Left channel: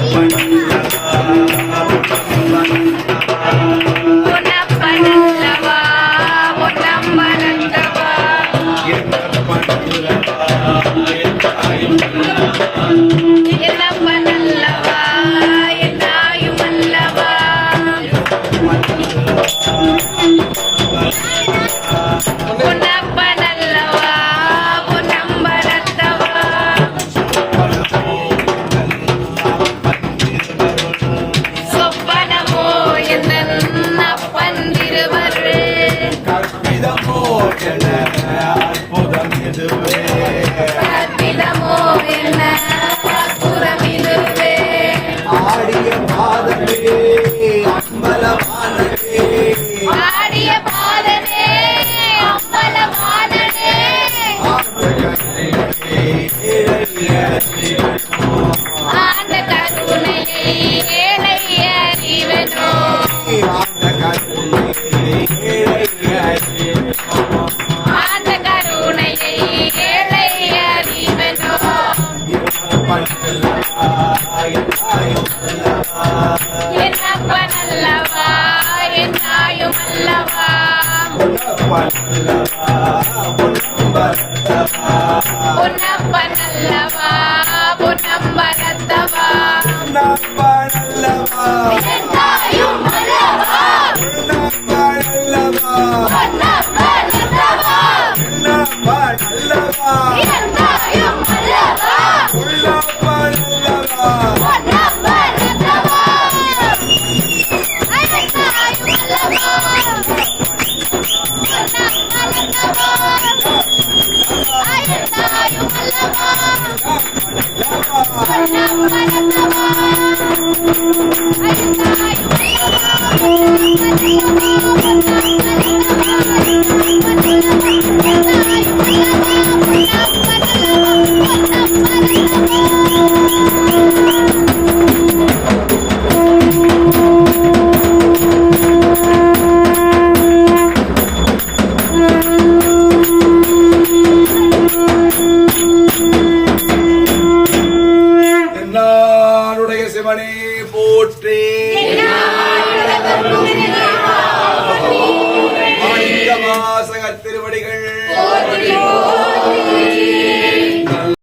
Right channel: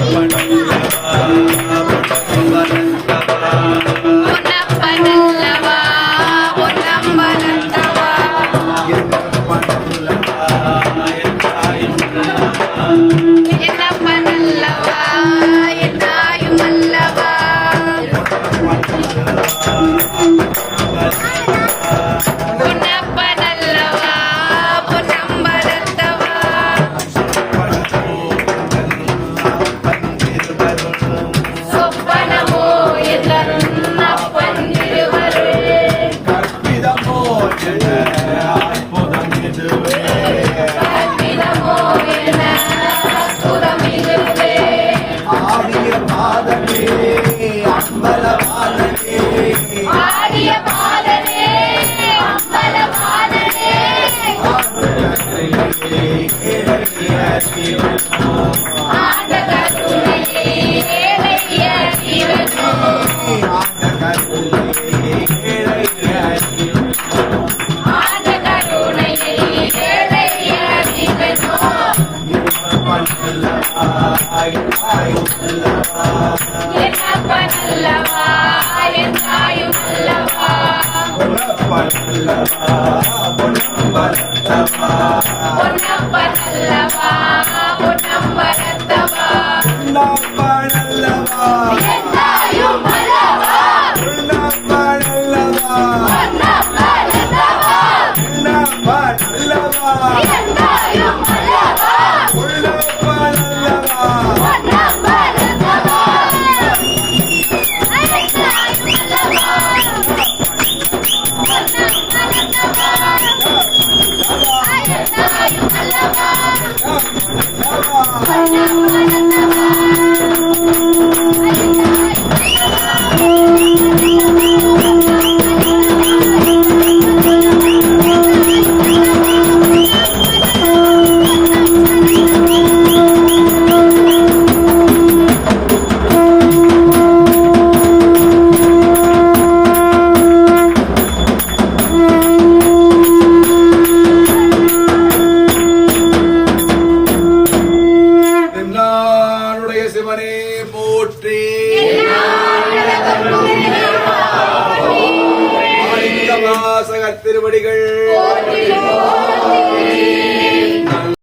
பொன்னப்பனல்லவா Yeah. என்னப்பனல்லவா என்னாயும் அல்லவா பொன்னப்பனல்லவா பொன்னம்பலத்தவா என்னாயும் திருவடிகள்.